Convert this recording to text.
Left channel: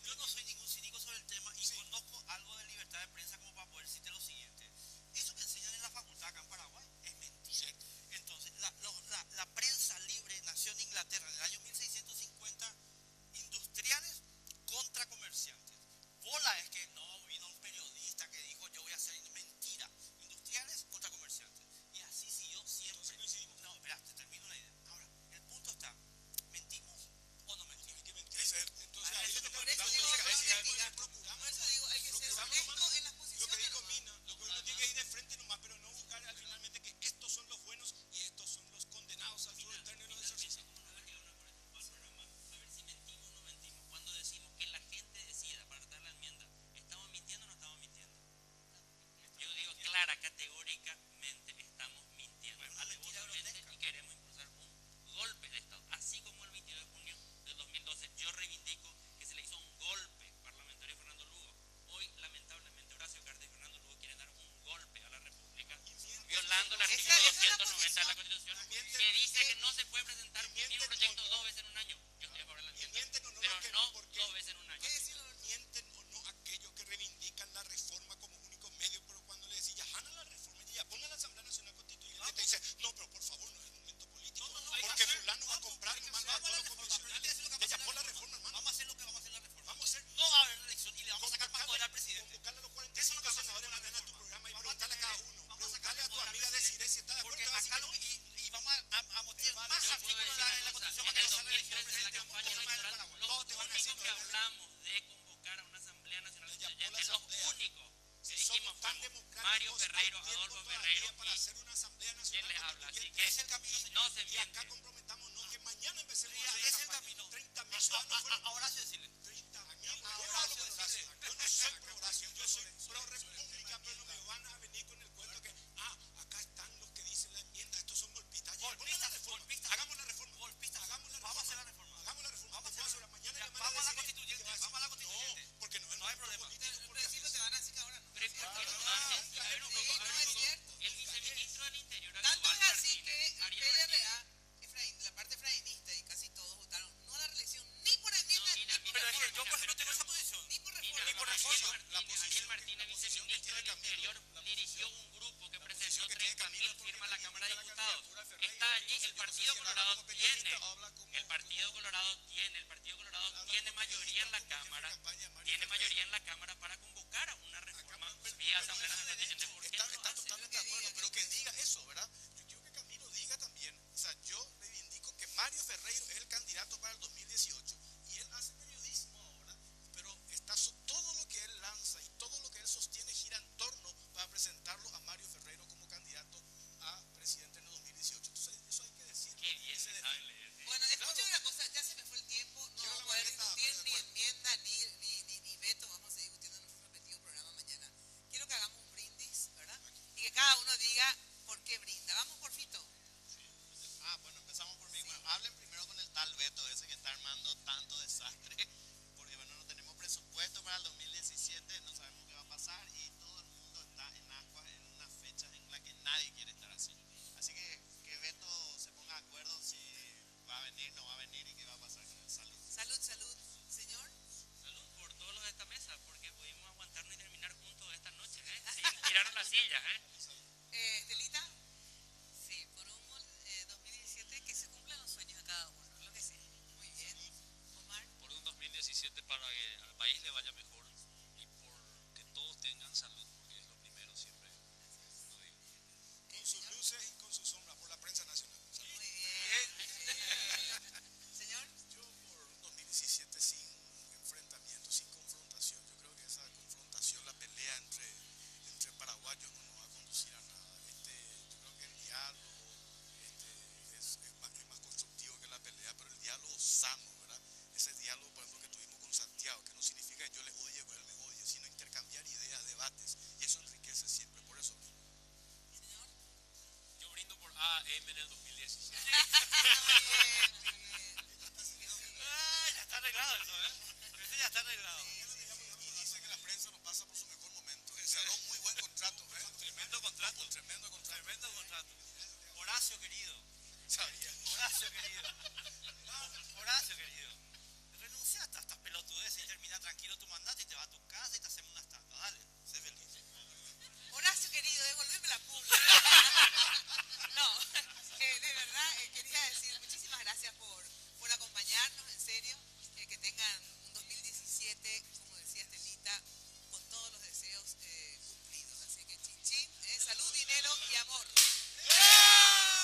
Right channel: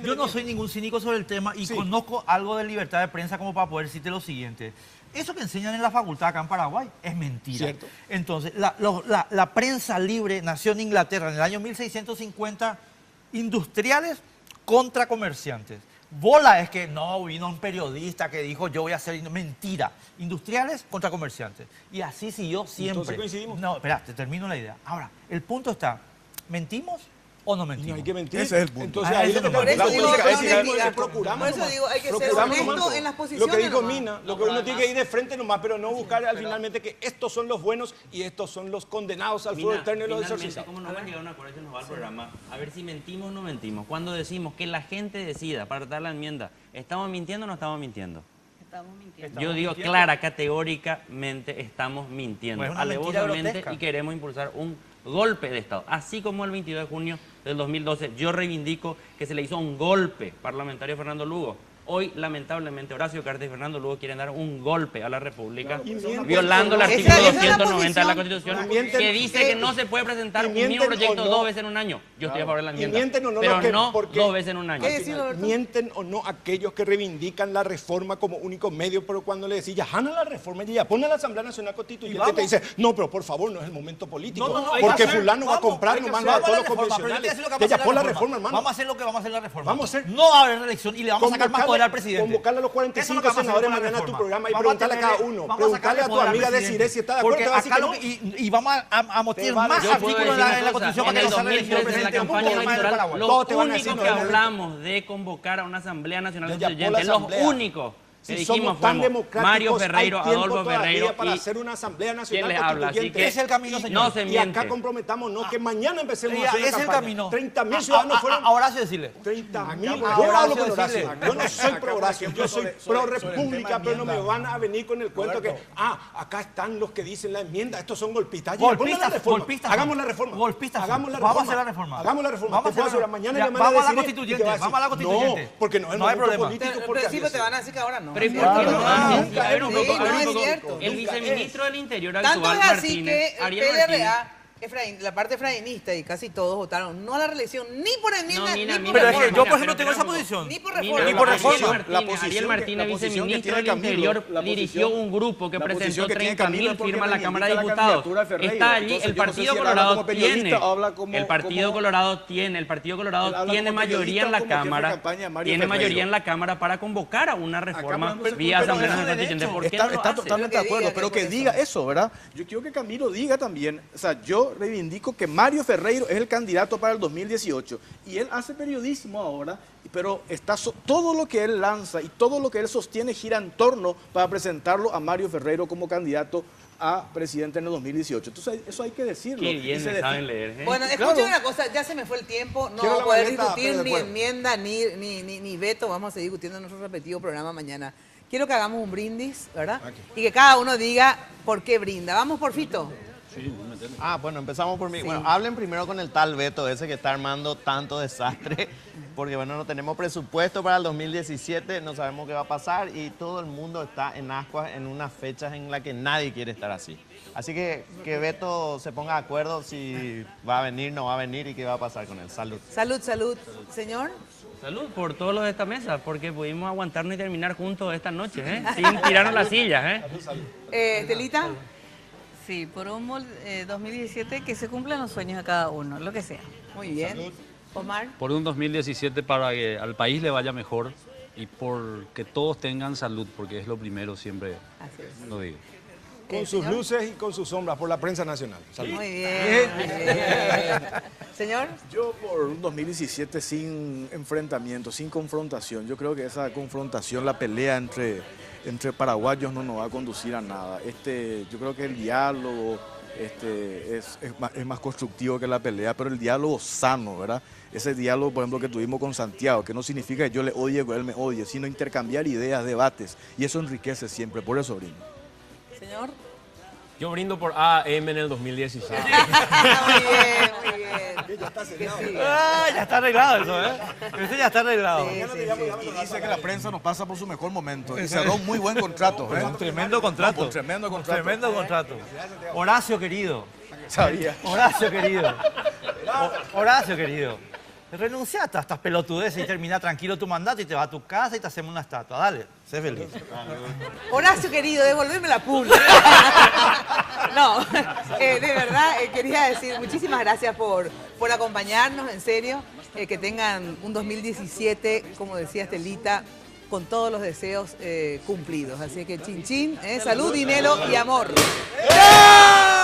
también... Yo no soy ningún cínico sobre el tema y conozco algo de libertad de prensa como para poder decirte lo siguiente. Eso que enseñan en la facultad acá en Paraguay es mentira. Cierto. Entonces, la prensa libre nació en Inglaterra en el año 1650, industriales contra comerciantes. Bola es que no, vino un periodista que dijo yo voy a hacer... Mentira. Industriales contra comerciantes. Y así siguió siempre. Entonces coincidimos. No, espera, te termino la idea. Ahora, el punto está, ¿mentimos o no mentimos? No hay que mentir. Ese es el punto. Entonces, Ah, ahí eso lo que nomás. la Por eso digo, política es no decir, mentira. procuramos Por eso nomás. digo, hay que ser Procuramos honesto nomás. en las Lo posiciones que dijo nomás. Mina, lo que uno tiene que ir de frente nomás, pero no buscar al finalmente que estos son los buenos y estos son los condenados al fuego eterno y los Finalmente, exorcizados. como no hemos llegado a un acuerdo, se nos va el programa. A ver si mentimos o no mentimos. Cuando decimos que la gente decida para dar la enmienda, ¿estamos mintiendo o no estamos mintiendo? Estamos mintiendo. Yo digo clara, categóricamente estamos mintiendo, Pues es una mentira alevosamente, grotesca. y queremos impulsar un golpe de Estado. Así como el 22 de junio del 2012 yo reivindico que se le hizo un golpe parlamentario a Fernando Lugo. Hoy, lamentablemente, Horacio Cartes y Fernando Lugo quieren dar un golpe a la República, violando el artículo Esa es la 290 de la posición. Constitución, que dice que no se puede presentar un mismo proyecto dos veces en un año. Yo estoy a favor de la Y enmienda, mienten o no pero los que- no porque- dos veces en un año. ¿Qué decís, Roberto? Mienten o no aquellos que reivindican la reforma como único medio, pero cuando le decís ya gana la reforma y ya pone a la Asamblea Nacional Constituyente, te dice, no, pero por favor, no es el momento político, No, hay porque que hacer, fulano va a vamos, comprar hay que nomás hacer, a todos los vamos a la reforma, pero yo te voy a convencionales. decir lo que Que vamos a ya hacer por la la reforma, hermano. Vamos a hacer lo que vamos a hacer la reforma. Vamos a hacer- No va a haber una elección y le vamos a sacar más poder al presidente. Convocarle a los Eso 45 es lo que vamos a hacer senadores con la mañana a tu reforma. programa y Vamos preguntarle a cada tenerle- uno. vamos Preguntarle sacarle a tu poder al amiga presidente. Desiree si está de acuerdo, Porque te va a decir acá que lo no. que- y vamos a meter vale, más yo puedo artículos decir en la una cosa, Constitución para en que el no sea reelegido 2013, en la presidente. Un campaña poco más en electoral, Paraguay. lo Todos te van a único decir, que no, no, no. hablamos de convocar a una Asamblea Nacional Ya por la Constituyente, los Asamblea. únicos que Si dijimos somos tan fuimos democráticos, Mario Ferreiro, hay tiempo Adolfo todavía Ferreiro para y hacer una Asamblea ¿quién Nacional les habla? Así Constituyente. que Es el camino, señor. no se Y acá miente. comprometamos, que mañana empecemos Y a hacer la es el campaña. camino. 30.000 ciudadanos fueron... A Horacio decirle. 30.000. Yo Horacio hablo con decirle. Horacio. Yo no soy pro Horacio, ejemplo, yo soy sobre pro el tema república, pero no me enmienda. van a venir con el cuento que, Roberto. acá están los que dicen la enmienda, estos son golpistas. Ya, Golpistas, pongan la reforma. golpistas Hagamos son. la reforma. Golpistas son. Hagamos la Vamos a reforma. hacer la reforma. Hagamos la reforma. Vamos a Te puedo hacer la- asegurar, mañana Ya, le van a vamos a la decir constituyente, y te va a decir, vamos a la constituyente. No, porque no es el No hay momento problema. político. Pero porque sí, pero te van a decir que ahora no. Pero ¿y por Claro, qué no claro, hacen? claro. A ver un poco, Sí, a ver no un es poco. cierto. El Nunca viceministro del Interior Tanto actual, es así Martínez, que el Ariel Martínez. PLRA, la parte efraínista y casi todos votaron no a la reelección, ni por enmienda, No, mira, ni por mira, Pero es que reforma. yo, por Mira, ejemplo, tengo esa pero posición. Ni por Mira, reforma. Ni por Ariel reforma. Martínez, Ariel Martínez, viceministro del Interior, dirigió un grupo que la presentó posición que tiene 30.000 Camilo es porque firmas a la Cámara de reivindica la Diputados. candidatura de Ferreiro. Está allí, Entonces, el yo no sé Partido si él habla Colorado como periodista tiene, o habla como- el Partido como- Colorado tiene, el Partido Él Colorado habla tiene como mayoría en periodista la o como jefe de Cámara, campaña de Mario tiene Ferreiro. mayoría en la Cámara para convocar a una reforma podemos- vía pero Asamblea eso Nacional es Constituyente. derecho. ¿Por qué Está, no lo está hace? totalmente de Pero que acuerdo, diga pero que que por diga eso. eso, ¿verdad? Yo quiero que Camilo diga también, o sea, yo reivindico que Mario Ferreiro es el candidato para el 2018 y él hace periodismo ahora, pero todo lo que él lanza y todo lo que él sostiene gira en torno para presentarlo a Mario Ferreiro como candidato a presidente en el 2018. Entonces, eso hay que decirlo. Qué Y bien se me saben leer, ¿eh? Bueno, Claro. escuchen una cosa, ya se me fue el tiempo, no Quiero vamos la a poder maleta, discutir pero ni después. enmienda ni veto, vamos a seguir discutiendo en nuestro repetido programa mañana. Quiero que hagamos un brindis, ¿verdad? Y que cada uno diga por qué brinda. Vamos por Fito. Ah, bueno, empezamos por mí. Bueno, hablen primero con el tal Beto ese que está armando tanto desastre, porque bueno, no tenemos presupuesto para el 2017, no sabemos qué va a pasar y todo el mundo está en ascuas en unas fechas en las que nadie quiere estar así. Así que Beto se ponga de acuerdo si va a venir, no va a venir y qué va a pasar con él. Salud. Salud, salud. Señor. Salud por todos los de esta mesa, porque pudimos aguantarnos y terminar juntos esta noche, ¿eh? Sin tirarnos las sillas, ¿eh? Estelita. Sí, por un 2017 que se cumplan los sueños de cada uno, lo que sea. Muy bien. Omar. Por un 2017 para que al país le vaya mejor y por que todos tengan salud, porque es lo primero, siempre Así es. lo digo. Con sus señor. luces y con sus sombras, por la prensa nacional. Salud. Muy bien. Muy bien. Señor. Yo por un 2017 sin enfrentamiento, sin confrontación. Yo creo que esa confrontación, la pelea entre paraguayos no nos va a conducir a nada. Yo creo que el diálogo es más constructivo que la pelea, pero el diálogo sano, ¿verdad? Ese diálogo, por ejemplo, que tuvimos con Santiago, que no significa que yo le odie o que él me odie, sino intercambiar ideas, debates, y eso enriquece siempre, por eso brindo. Señor. Yo brindo por AM en el 2017. Muy bien, muy bien. Que siga. Ah, ya está arreglado eso, ¿eh? Eso ya está arreglado. Sí, sí, sí. Y dice que la prensa nos pasa por su mejor momento. Y cerró un muy buen contrato. ¿eh? Un tremendo contrato. Un tremendo Un contrato. tremendo contrato. Horacio querido. Sabía. Horacio querido. Horacio querido. renuncia a estas pelotudeces y termina tranquilo tu mandato y te vas a tu casa y te hacemos una estatua. Dale, sé feliz. Horacio, querido, devolverme la pulga. No, de verdad, quería decir muchísimas gracias por acompañarnos, en serio. Que tengan un 2017, como decía Estelita, con todos los deseos cumplidos. Así que chin chin, salud, dinero y amor. ¡Bravo!